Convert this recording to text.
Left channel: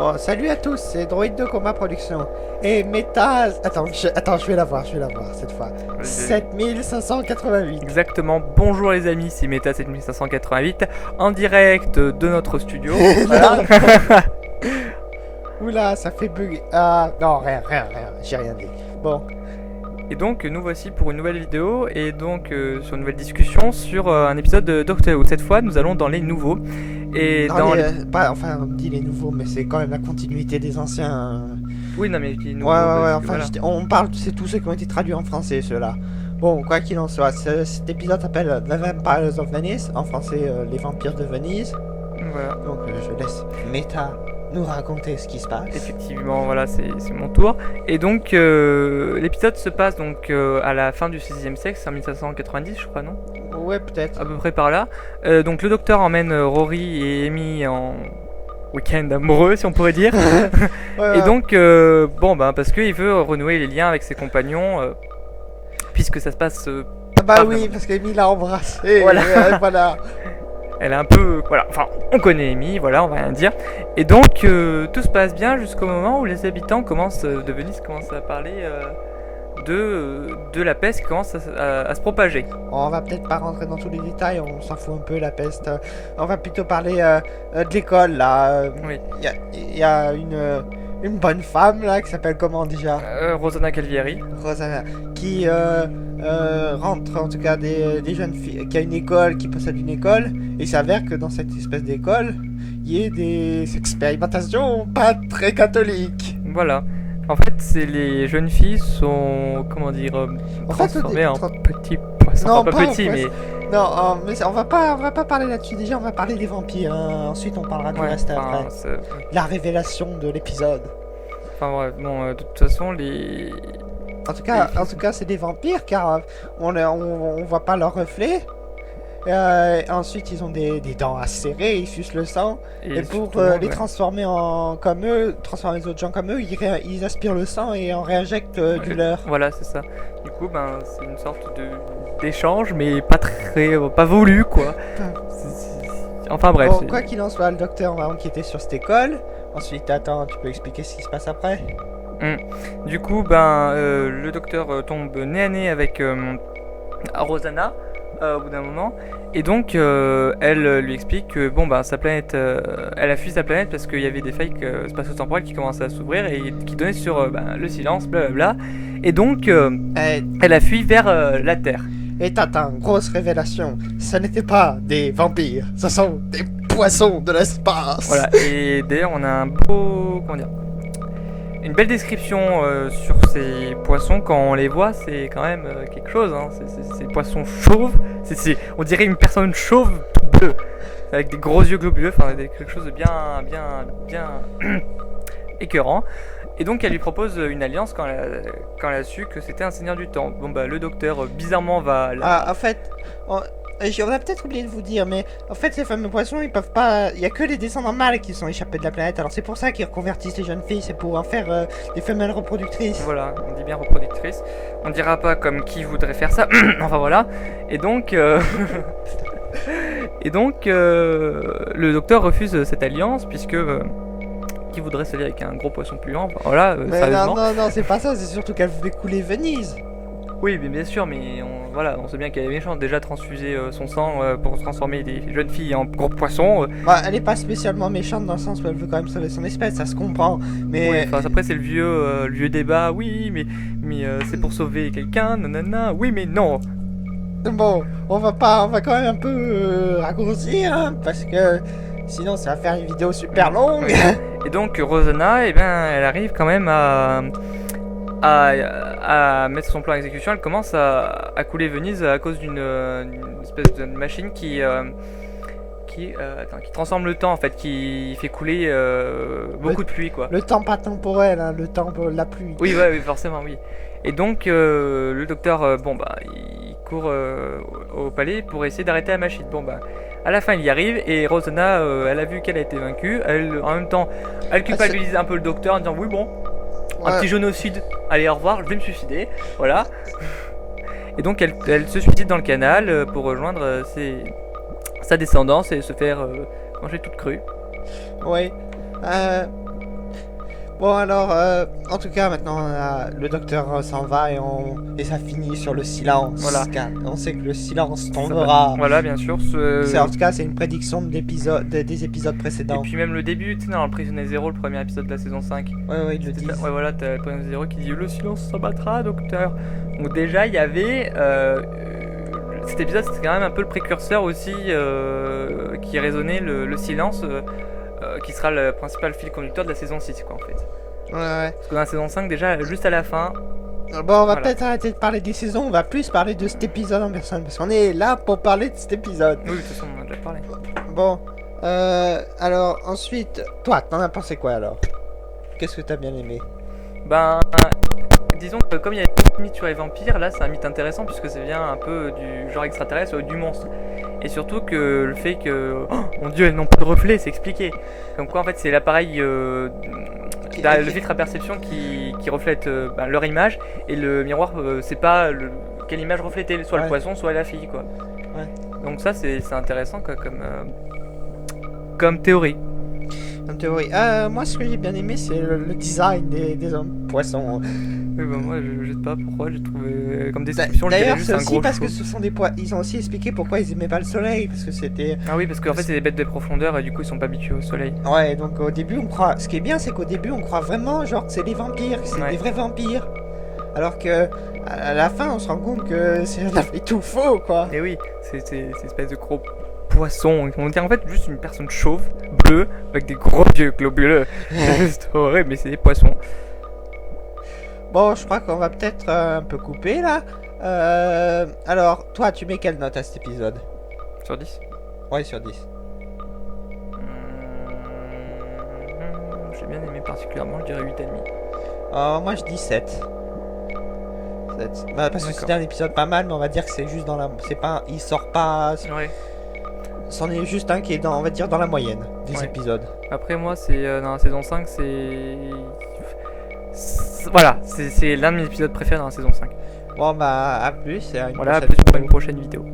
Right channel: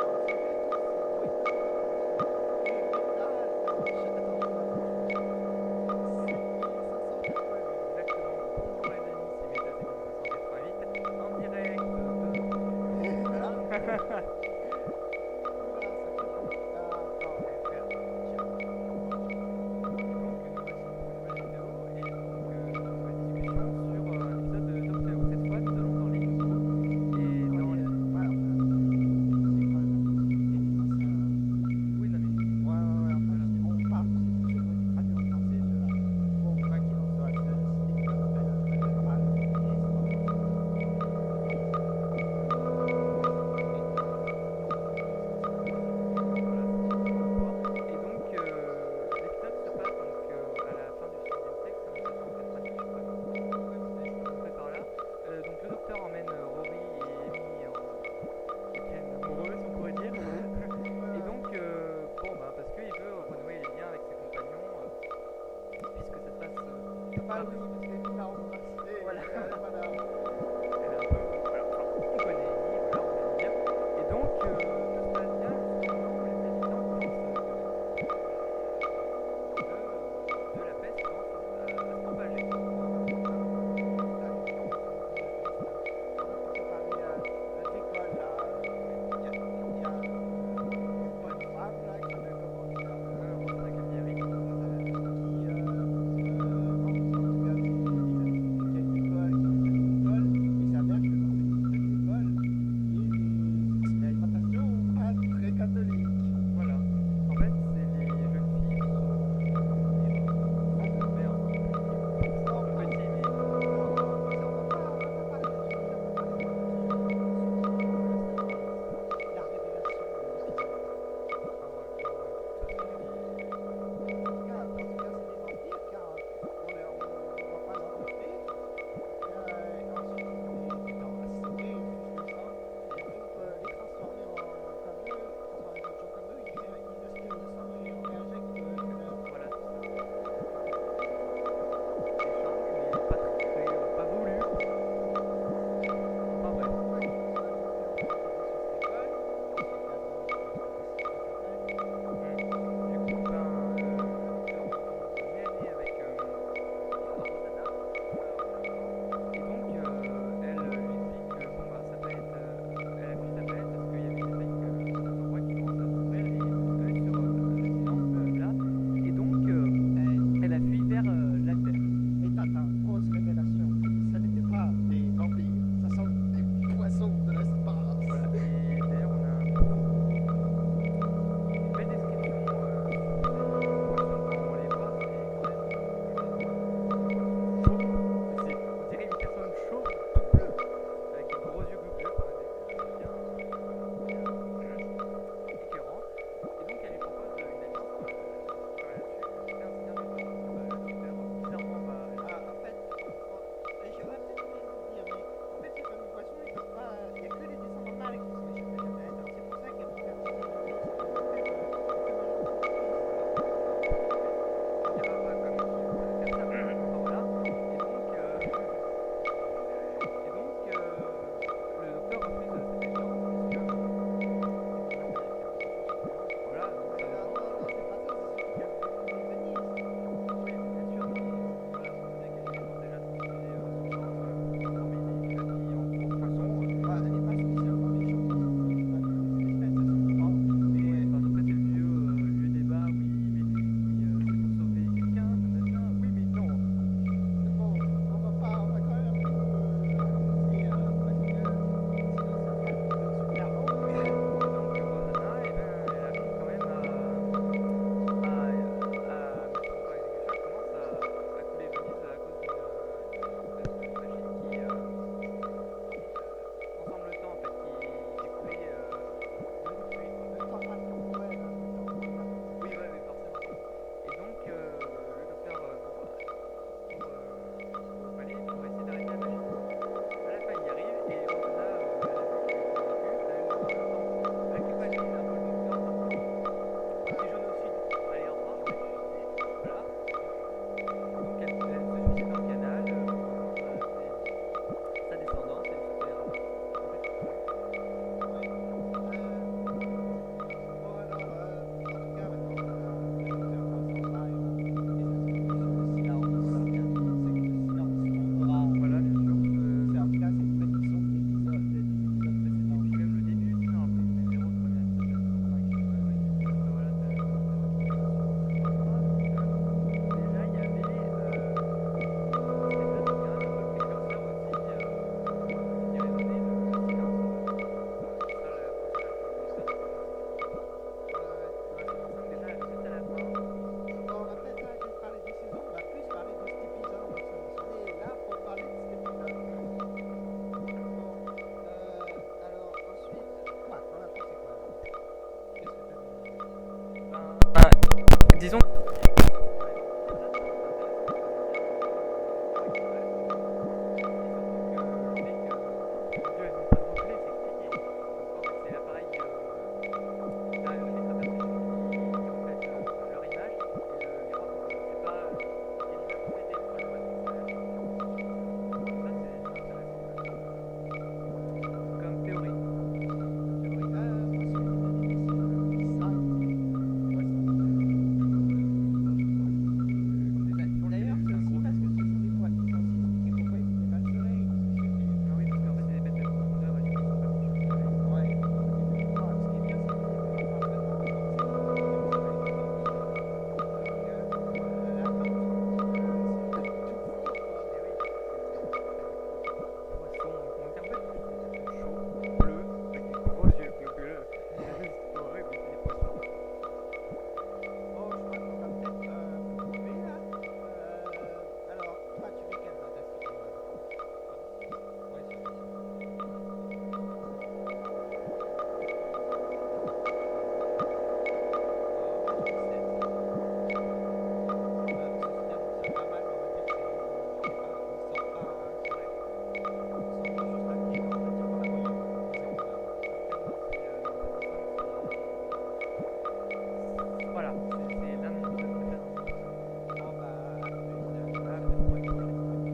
Bon, salut à tous, c'est Droid de Coma Production. Et Méta... Attends, je vais la voir cette fois. 7588. Exactement, bonjour les amis, c'est Meta 7588 en direct de notre studio. Voilà. Oula, ça fait bug. Ah, non, rien, j'ai rien dit. Bon. Et donc nous voici pour une nouvelle vidéo et donc sur une nouvelle discussion sur un épisode de Doctor Who. Cette fois nous allons dans les nouveaux. Et dans les... Enfin, on dit les nouveaux, mais c'est quand même la continuité des anciens. Oui, non mais les nouveaux. Ouais, enfin, voilà. On parle, c'est tous ceux qui ont été traduits en français, ceux-là. Bon, quoi qu'il en soit, cet épisode s'appelle The Vampires of Venice, en français les vampires de Venise. Voilà. Donc je laisse Meta nous raconter ce qui se passe. Effectivement, voilà, c'est mon tour. Et donc l'épisode se passe donc à la fin du 6e siècle, c'est en 1590 je crois, non? Ouais, peut-être. À peu près par là. Donc le docteur emmène Rory et Amy en week-end amoureux, si on pourrait dire. Ouais. Et donc, parce qu'il veut renouer les liens avec ses compagnons, puisque ça se passe... oui, parce qu'Amy l'a embrassé. Voilà. Voilà. Elle est un peu... Voilà, enfin, on connaît Amy, voilà, on va rien dire. Et donc, tout se passe bien jusqu'au moment où les habitants de Venise commencent à parler de la peste qui commence à se propager. On va peut-être pas rentrer dans tous les détails, on s'en fout un peu, la peste. On va plutôt parler de l'école, là. Oui. Il y a une bonne femme, là, qui s'appelle comment déjà Rosanna Calvieri. Rosanna, qui rentre, en tout cas, des jeunes filles, qui a une école, qui possède une école, et il s'avère que dans cette espèce d'école, il y a des expérimentations pas très catholiques. Voilà. En fait, les jeunes filles sont, comment dire, transformées en petits poissons. Non, pas petits, mais... Non, mais on va pas parler là-dessus. Déjà, on va parler des vampires. Ensuite, on parlera du reste après. La révélation de l'épisode. Enfin bref, non, de toute façon, les... En tout cas, c'est des vampires car on voit pas leur reflet. Ensuite, ils ont des dents acérées, ils sucent le sang. Et pour les transformer transformer les autres gens comme eux, ils aspirent le sang et en réinjectent du leur. Voilà, c'est ça. Du coup, c'est une sorte d'échange, mais pas voulu, quoi. Enfin bref. Bon, quoi qu'il en soit, le docteur va enquêter sur cette école. Ensuite, attends, tu peux expliquer ce qui se passe après? Du coup, le docteur tombe nez à nez avec Rosanna. Au bout d'un moment, et donc elle lui explique que sa planète, elle a fui sa planète parce qu'il y avait des failles spatio-temporelles qui commençaient à s'ouvrir et qui donnaient sur le silence, blablabla, et donc elle a fui vers la Terre. Et t'attends, grosse révélation, ça n'était pas des vampires, ce sont des poissons de l'espace. Voilà, et d'ailleurs on a une belle description sur ces poissons. Quand on les voit, c'est quand même quelque chose, hein. C'est des poissons chauves, on dirait une personne chauve toute bleue, avec des gros yeux globuleux, enfin quelque chose de bien écœurant. Et donc elle lui propose une alliance quand elle a su que c'était un seigneur du temps. Le docteur bizarrement va... En fait, on a peut-être oublié de vous dire, mais en fait ces fameux poissons, ils peuvent pas... Il y a que les descendants mâles qui sont échappés de la planète, alors c'est pour ça qu'ils reconvertissent les jeunes filles, c'est pour en faire des femelles reproductrices. Voilà, on dit bien reproductrices. On dira pas comme qui voudrait faire ça, enfin voilà. Et donc... le docteur refuse cette alliance, puisque... qui voudrait s'allier avec un gros poisson puant, voilà, mais sérieusement. Non, c'est pas ça, c'est surtout qu'elle voulait couler Venise. Oui, mais bien sûr, mais on sait bien qu'elle est méchante. Déjà transfuser son sang pour transformer des jeunes filles en gros poissons. Elle est pas spécialement méchante dans le sens où elle veut quand même sauver son espèce, ça se comprend. Mais ouais, après c'est le vieux débat. Oui, mais c'est pour sauver quelqu'un, nanana. Oui, mais non. Bon, on va quand même un peu raccourcir, hein, parce que sinon ça va faire une vidéo super longue. Et donc Rosanna, elle arrive quand même à mettre son plan à exécution. Elle commence à couler Venise à cause d'une espèce de machine qui transforme le temps, en fait, qui fait couler beaucoup de pluie, quoi. Le temps pas temporel, hein, le temps de la pluie. Oui, forcément, oui. Et donc le docteur, il court au palais pour essayer d'arrêter la machine. À la fin, il y arrive et Rosanna, elle a vu qu'elle a été vaincue. En même temps, elle culpabilise un peu le docteur en disant oui, un petit génocide. Allez, au revoir, je vais me suicider. Voilà. Et donc, elle se suicide dans le canal pour rejoindre sa descendance et se faire manger toute crue. Oui. Bon alors, en tout cas maintenant le docteur s'en va et ça finit sur le silence. Voilà. On sait que le silence tombera. Voilà, bien sûr. En tout cas, c'est une prédiction des épisodes précédents. Et puis même le début, tu sais, dans le Prisonnier Zero, le premier épisode de la saison 5. Ouais, ils le disent. Ouais, voilà, t'as le Prisonnier Zero qui dit le silence s'abattra, docteur. Donc déjà, il y avait cet épisode, c'était quand même un peu le précurseur aussi qui résonnait le silence. Qui sera le principal fil conducteur de la saison 6 quoi en fait. Ouais. Parce que dans la saison 5 déjà juste à la fin. Bon on va peut-être arrêter de parler des saisons, on va plus parler de cet épisode en personne parce qu'on est là pour parler de cet épisode. Oui de toute façon on en a déjà parlé. Bon alors ensuite, toi t'en as pensé quoi alors? Qu'est-ce que t'as bien aimé? Ben disons que comme il y a un mythe sur les vampires, là c'est un mythe intéressant puisque ça vient un peu du genre extraterrestre ou du monstre. Et surtout que le fait que, oh mon dieu, elles n'ont pas de reflet, c'est expliqué. Donc quoi en fait c'est l'appareil, le filtre à perception qui reflète leur image. Et le miroir c'est pas quelle image refléter, soit le poisson, soit la fille quoi. Ouais. Donc ça c'est intéressant quoi, comme théorie. Moi ce que j'ai bien aimé c'est le design des hommes poissons. Oui, bah moi je sais pas pourquoi j'ai trouvé comme description. D'ailleurs c'est aussi parce que ce sont des poissons. Ils ont aussi expliqué pourquoi ils aimaient pas le soleil parce que c'était. Ah oui parce qu'en fait c'est des bêtes de profondeur et du coup ils sont pas habitués au soleil. Ouais donc au début on croit. Ce qui est bien c'est qu'au début on croit vraiment genre que c'est des vampires, que c'est des vrais vampires. Alors que à la fin on se rend compte que c'est tout faux quoi. Et oui c'est une espèce de gros poisson. On dirait en fait juste une personne chauve, bleue, avec des gros yeux globuleux. C'est horrible, mais c'est des poissons. Bon, je crois qu'on va peut-être un peu couper là. Alors, toi, tu mets quelle note à cet épisode? Sur 10? Ouais, sur 10. J'ai bien aimé particulièrement, je dirais 8,5. Moi, je dis 7. Parce que c'était un épisode pas mal, mais on va dire que c'est juste dans la. C'est pas. Il sort pas. Ouais. C'en est juste un qui est dans, on va dire, dans la moyenne des épisodes. Après moi c'est dans la saison 5 voilà, c'est l'un de mes épisodes préférés dans la saison 5. Bon bah à plus et à une prochaine pour une prochaine vidéo.